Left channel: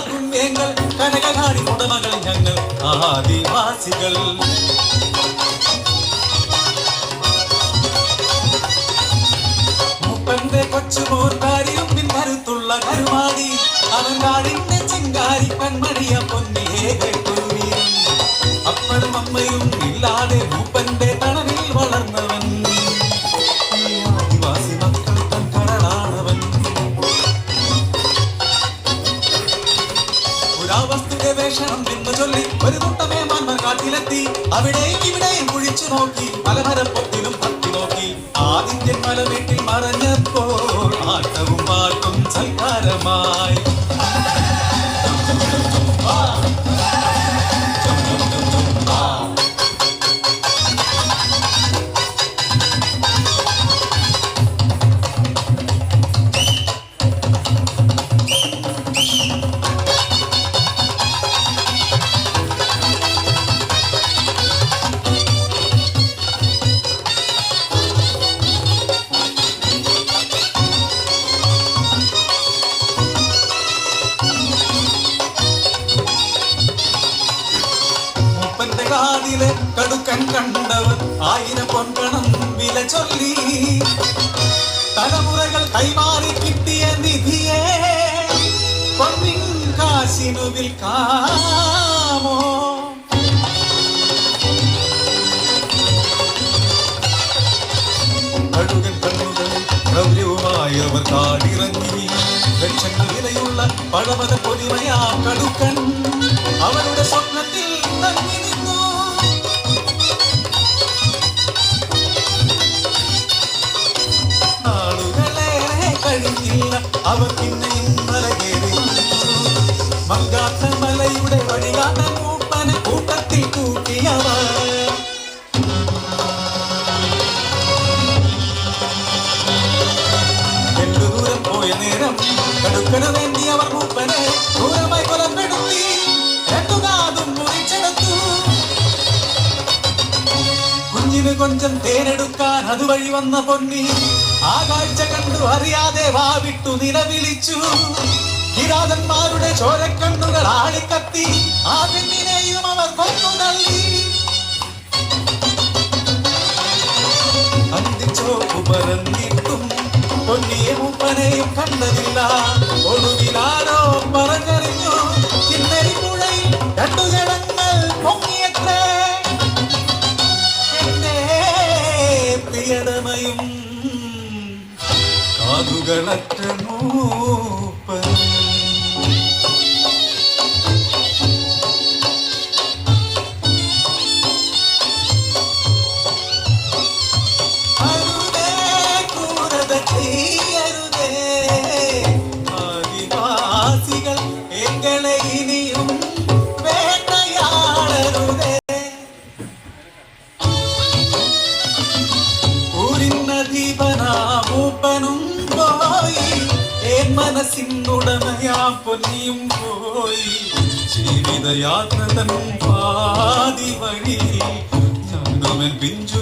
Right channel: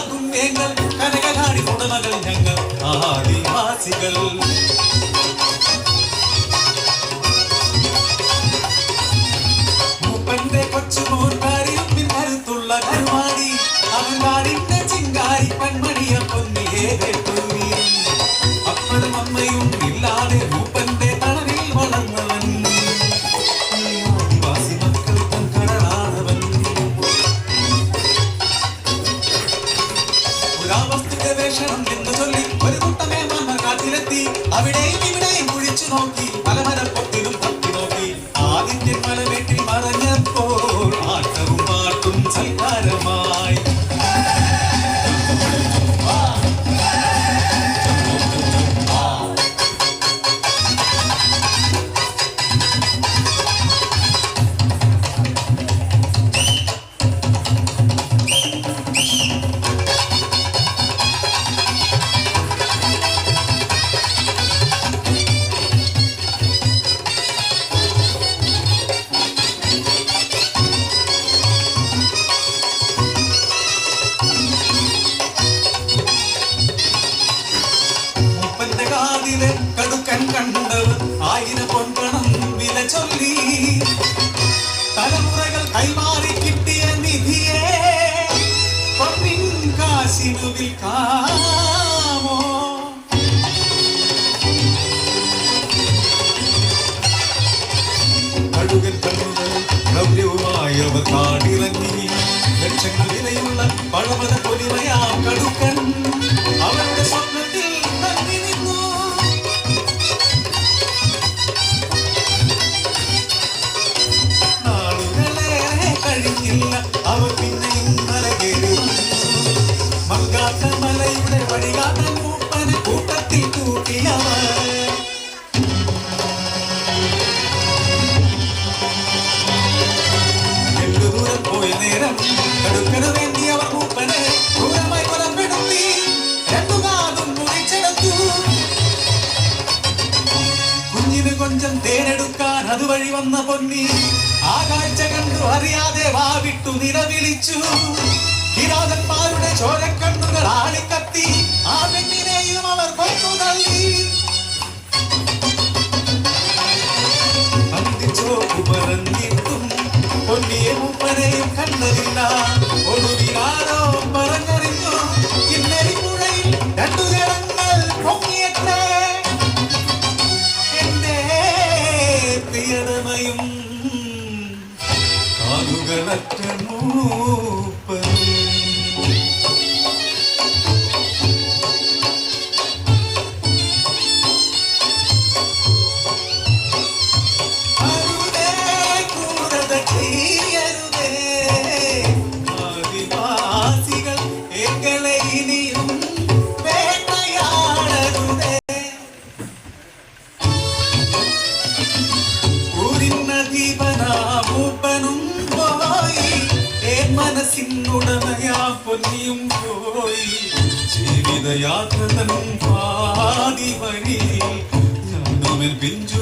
കാക്കും വേങ്ങൾ കനകനാടി കുടമകൾ ഞങ്ങൾ ആദിവാസികൾ. മുപ്പന്റെ കൊച്ചുമോർക്കാരിയും പിന്നരുത്തുള്ള കരുമാടി അവൻ നാടിന്റെ ചിങ്കാരി പെൺമണിയ പൊന്നിയെ കേട്ടുവീരും. അപ്പനും അമ്മയും ഇല്ലാതെ മൂപ്പന്റെ തണവിൽ വളർന്നവൻ ആദിവാസി മക്കൾക്കും കരളാണവൻ. പുരാവസ്തു ഗവേഷണം എന്ന് ചൊല്ലി ഒരു കൂട്ടമേ മണ്ണ കാട്ടിലെത്തി. അവിടെയും ഇവിടെയും കുഴിച്ചു നോക്കി പലമരപ്പൊത്തിലും തപ്പി നോക്കി. ആദിന്റെ മല വീട്ടിൽ മറഞ്ഞപ്പോൾ ആട്ടവും പാട്ടും സൽക്കാരമായി. കാതിലെ കടുക്കൻ കണ്ടവർ 1000 പൊൻപണം വില ചൊല്ലി. തലമുറകൾ കൈമാറി കിട്ടിയ നിധിയെ പൊന്നിൻ കാശിനു വിൽക്കാമോ? കടുകൻ കണ്ണുകൾ ഗൗരവമായവർ കാടിറങ്ങി. ലക്ഷങ്ങൾ വിലയുള്ള പഴമത പൊലിമയാ കടുക്കൻ അവരുടെ സ്വപ്നത്തിൽ തങ്ങി നിന്നു. നാളുകളേറെ കഴിഞ്ഞില്ല അവർ പിന്നെയും മലകേറി. മങ്കാത്ത മലയുടെ വഴികാട്ടൻ മൂപ്പനെ കൂട്ടത്തിൽ കൂട്ടിയവർ. ദൂരം പോയ നേരം കടുക്കന് വേണ്ടി അവർ മൂപ്പനെ ദൂരമായി കൊലപ്പെടുത്തി. കുഞ്ഞിന് കൊഞ്ചം തേനെടുക്കാൻ അതുവഴി വന്ന പൊന്നി ആ കാഴ്ച കണ്ടു അറിയാതെ വാവിട്ടു നിലവിളിച്ചു. കിരാതന്മാരുടെ ചോരക്കണ്ണുകൾ ആളിക്കത്തി. ആ പെണ്ണിനെയും അവർ കൊന്നു തള്ളി. അന്തിച്ചോപ്പു പറഞ്ഞിട്ടും പൊന്നിയെ മൂപ്പനെയും കണ്ടതില്ല. ഒടുവിലാരോ പറഞ്ഞറിഞ്ഞു കിന്നരി പുഴയിൽ 2 ജനങ്ങൾ പൊങ്ങിയത്രേ. പ്രിയടമയും കാതുകളറ്റ മൂപ്പൻ. അരുതേ ക്രൂരത ചെയ്യരുതേ ആദിവാസികൾ എങ്ങളെ ഇനിയും വേട്ടയാടരുതേ. ദീപനാമൂപ്പനും പോയി മനസ്സിനുടമയാ പൊന്നിയും പോയി. ജീവിതയാത്ര തൻ പാതി വഴി പിഞ്ചു